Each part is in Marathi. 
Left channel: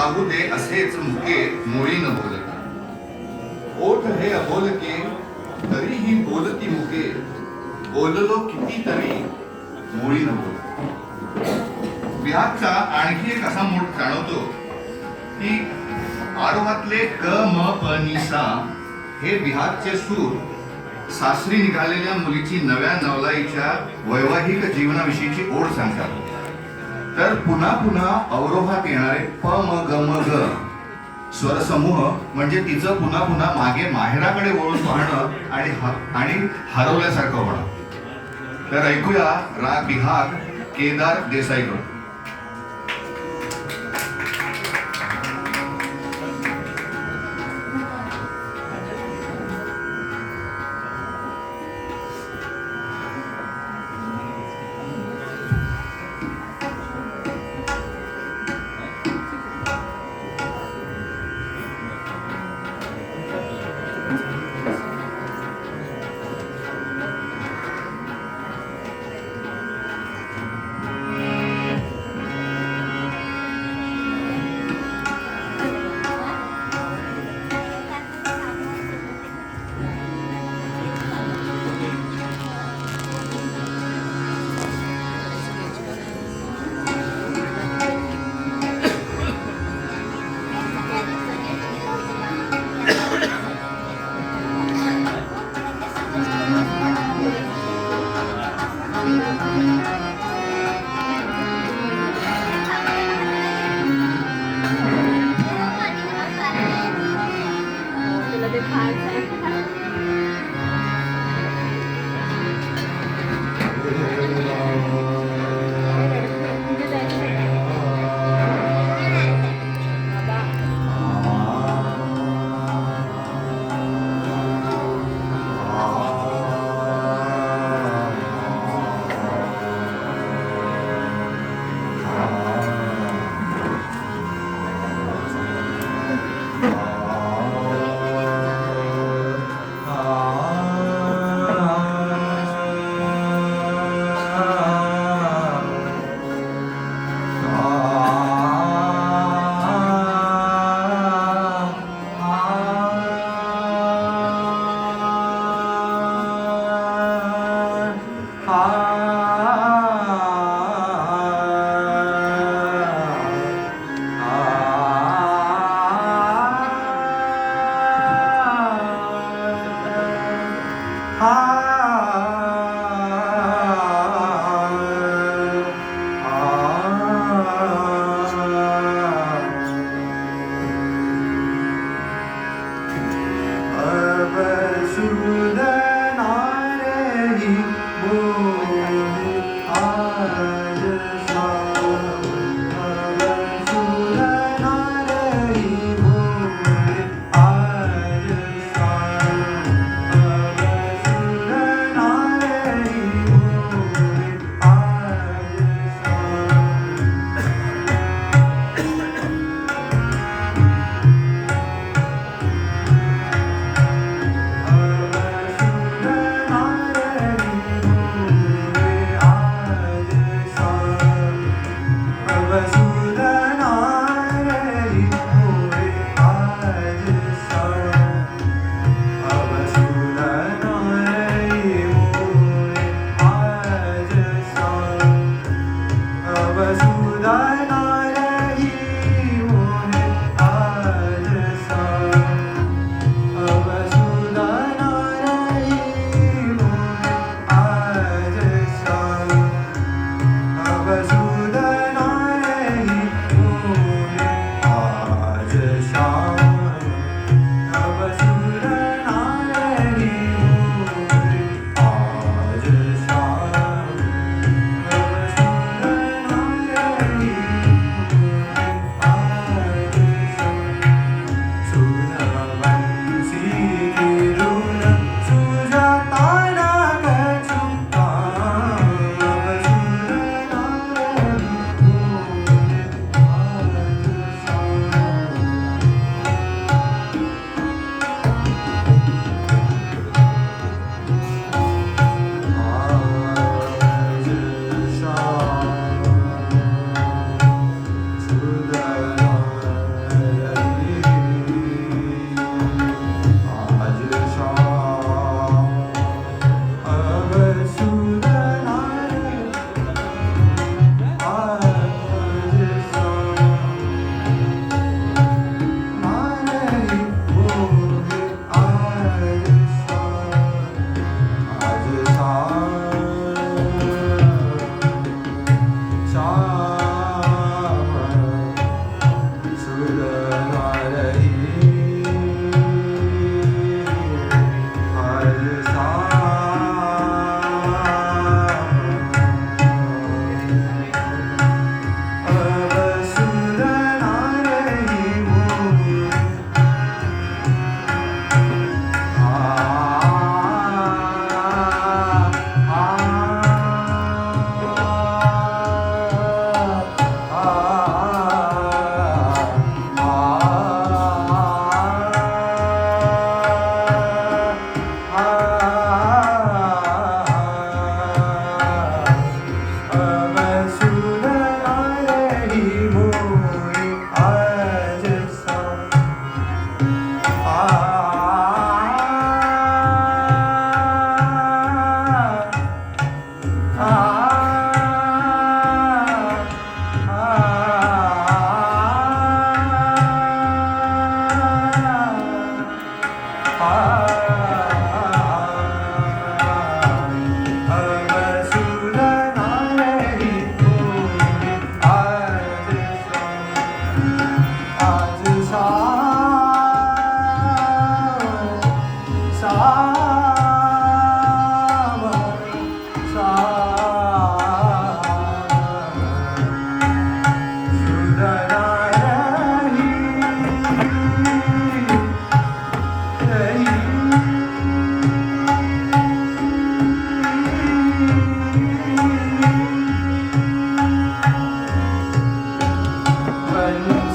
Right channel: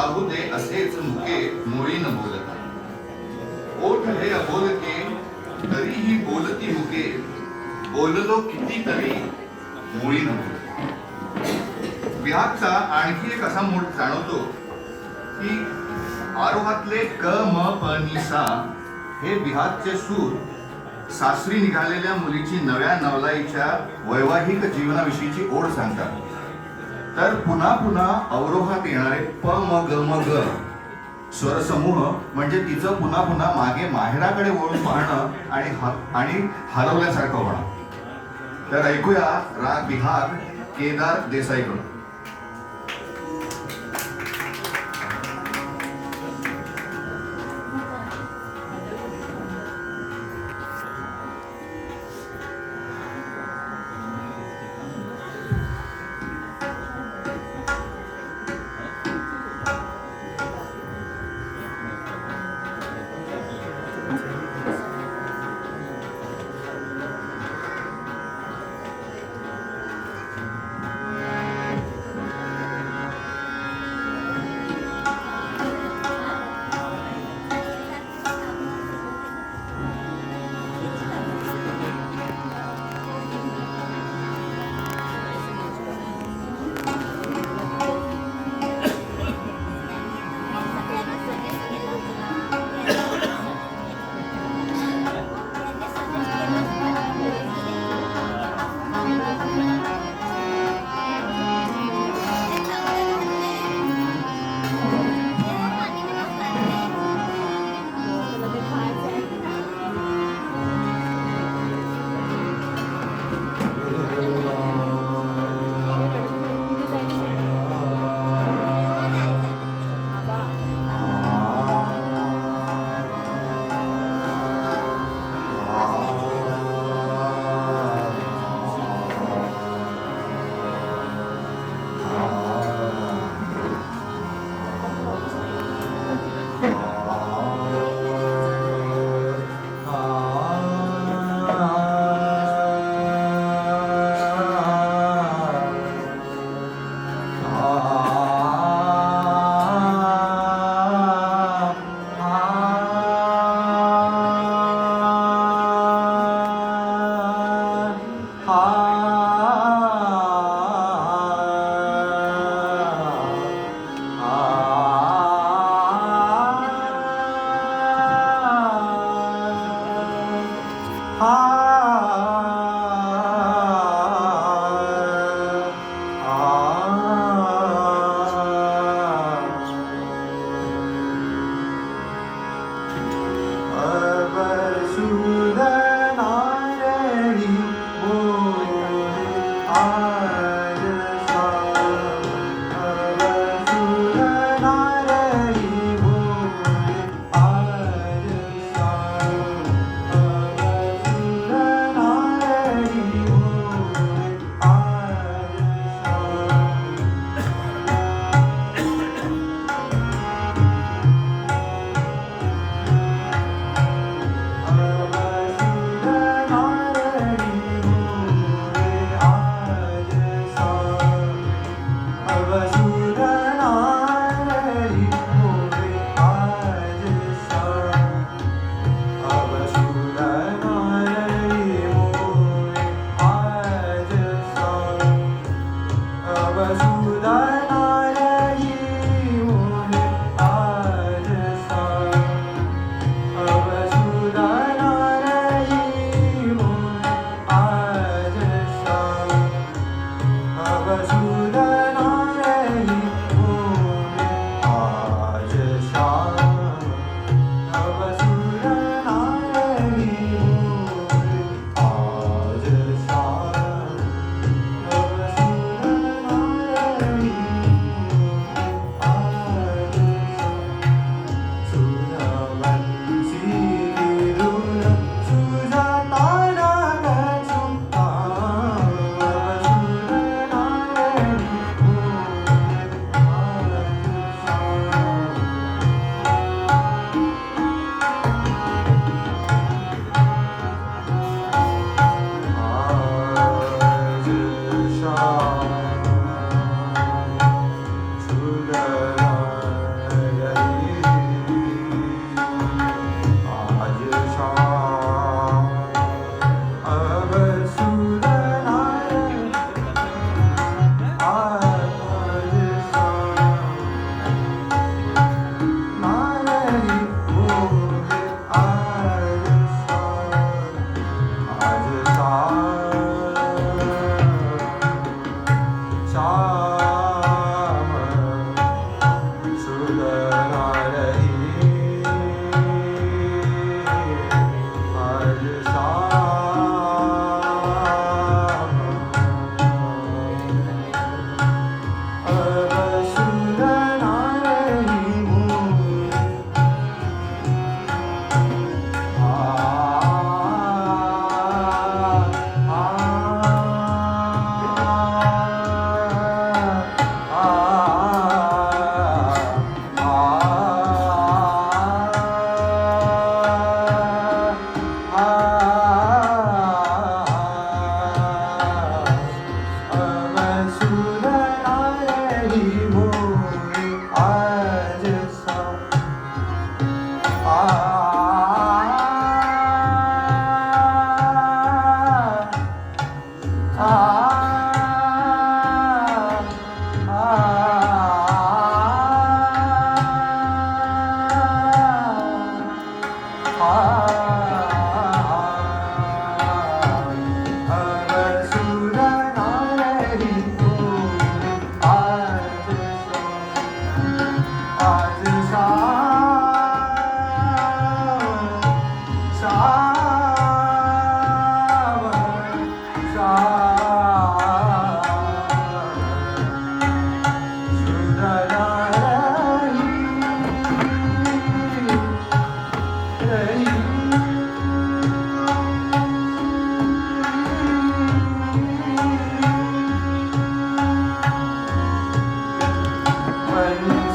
राहू दे असेच मुके मुळी न बोलत. ओठ हे अबोलके तरीही बोलती मुके, बोललो किती तरी मुळी न बोलत. बिहागचा आणखी एक असा मूळ जाणवतो की आरोहातले क म प नि सा हे बिहागचे सूर सासरी निघालेल्या मुलीची नव्या नवलाईच्या वैवाहिक जीवनाविषयीची ओढ सांगतात. तर पुन्हा पुन्हा अवरोहात येणारे प म ग म ग स्वरसमूह म्हणजे तिचं पुन्हा पुन्हा मागे माहेराकडे वळून पाहणं आणि हरवल्यासारखं होणं. तर ऐकूया राग बिहाग केदार देसाईकडून.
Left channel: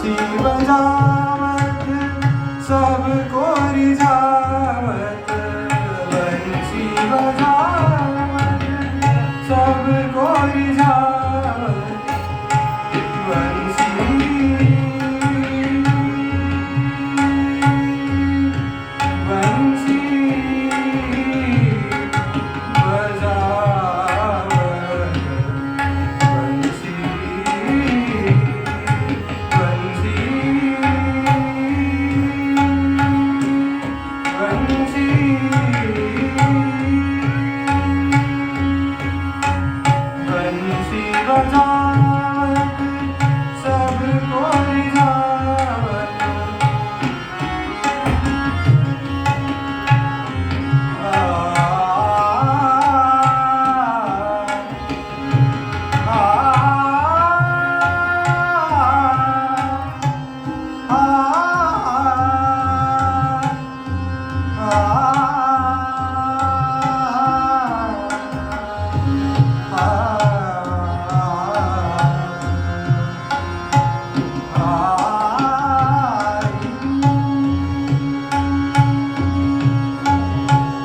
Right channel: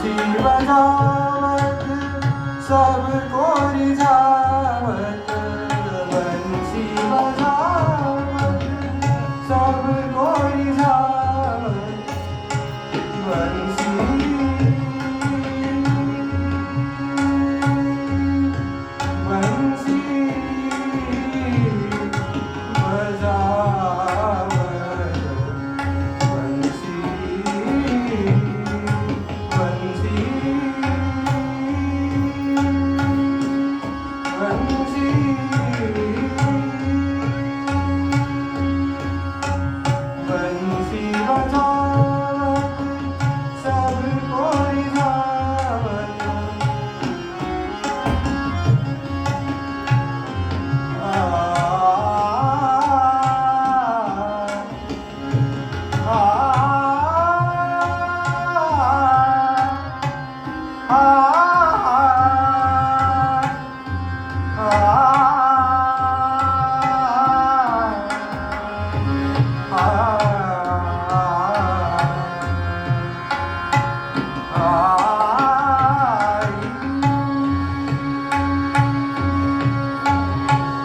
बंसी बजावत सबको रिझावत, बंसी बजावत सबको रिझावत, बंसी बंसी बजावत, बंसी बंसी बंसी बंसी बजावत सबको रिझावत,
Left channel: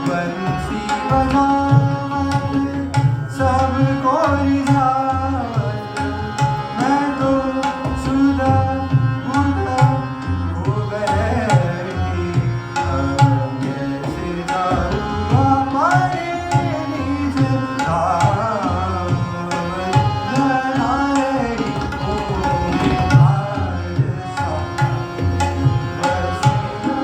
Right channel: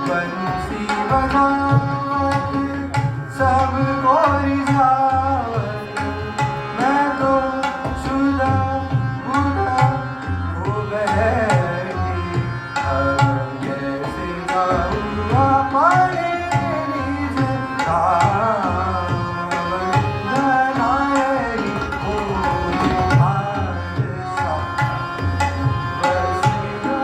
बंसी बजावत सबको रिझावत, मैं तो शुदा बुदा हो बैठी, अब कैसे जाऊँ पानी से धाम बनाएगी मुझे आज सा, बस बनाएगी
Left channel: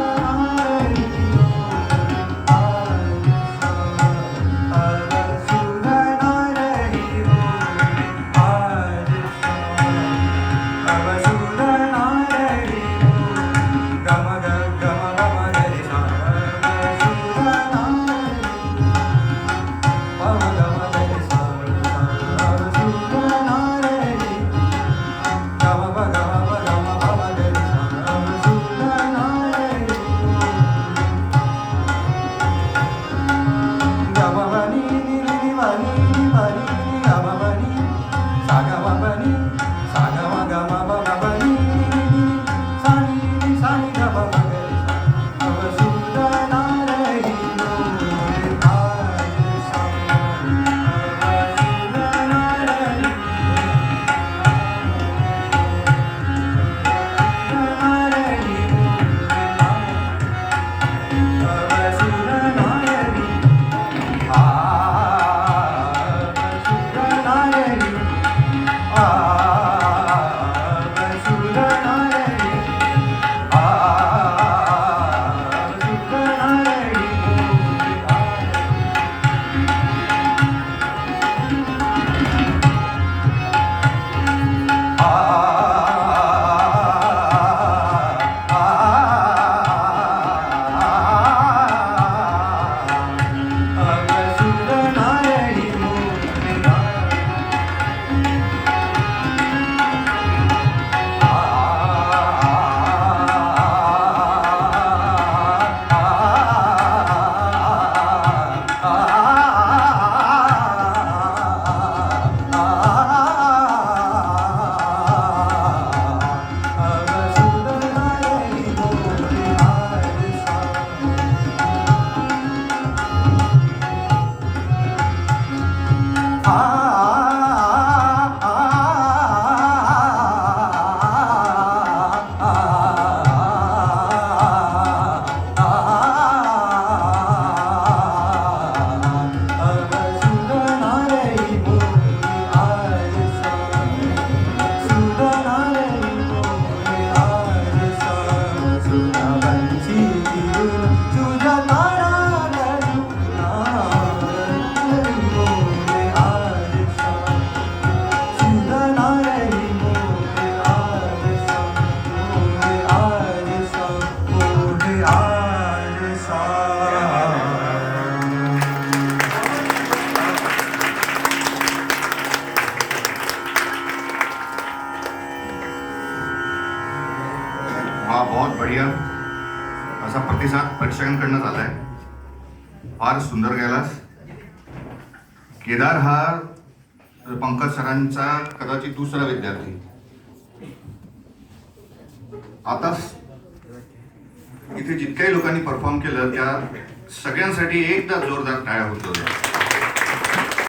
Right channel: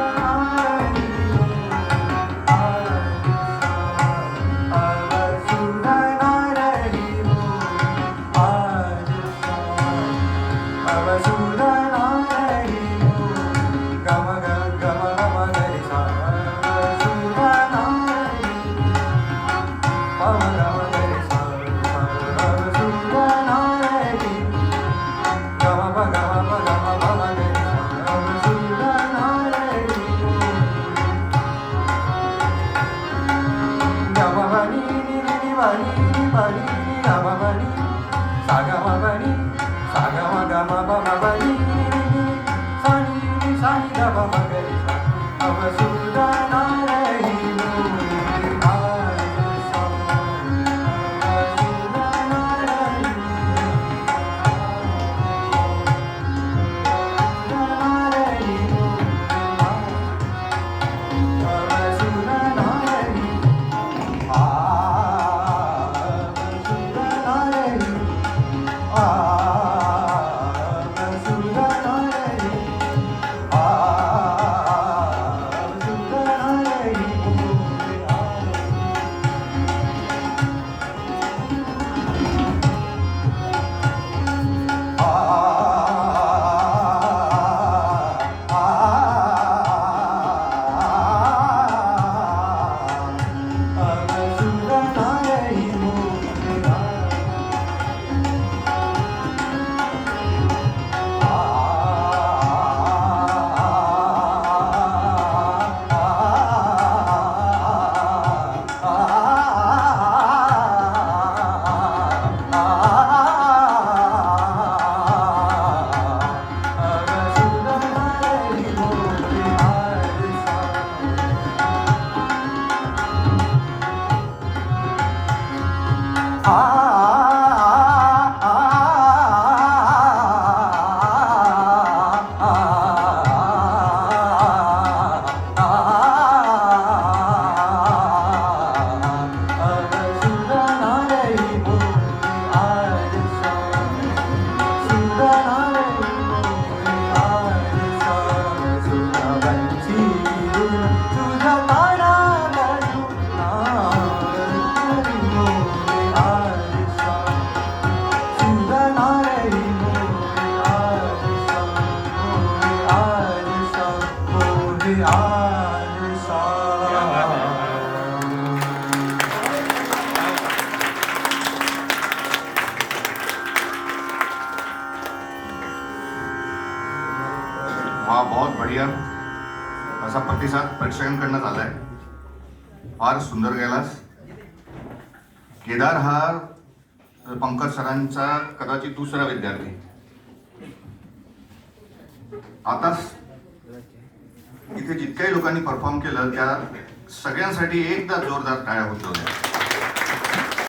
वा बहुत बढ़िया असा प्रतिसाद प्रेक्षकांकडनं आलाय. फार सुंदर गेलास. केदार हा पंकज सरांचा कदाचित दुसरा विद्यार्थी. आता इथे जितक्याही लोकांनी परफॉर्म केलं त्या सगळ्यांसाठी एकदा जोरदार टाळ्या होतो.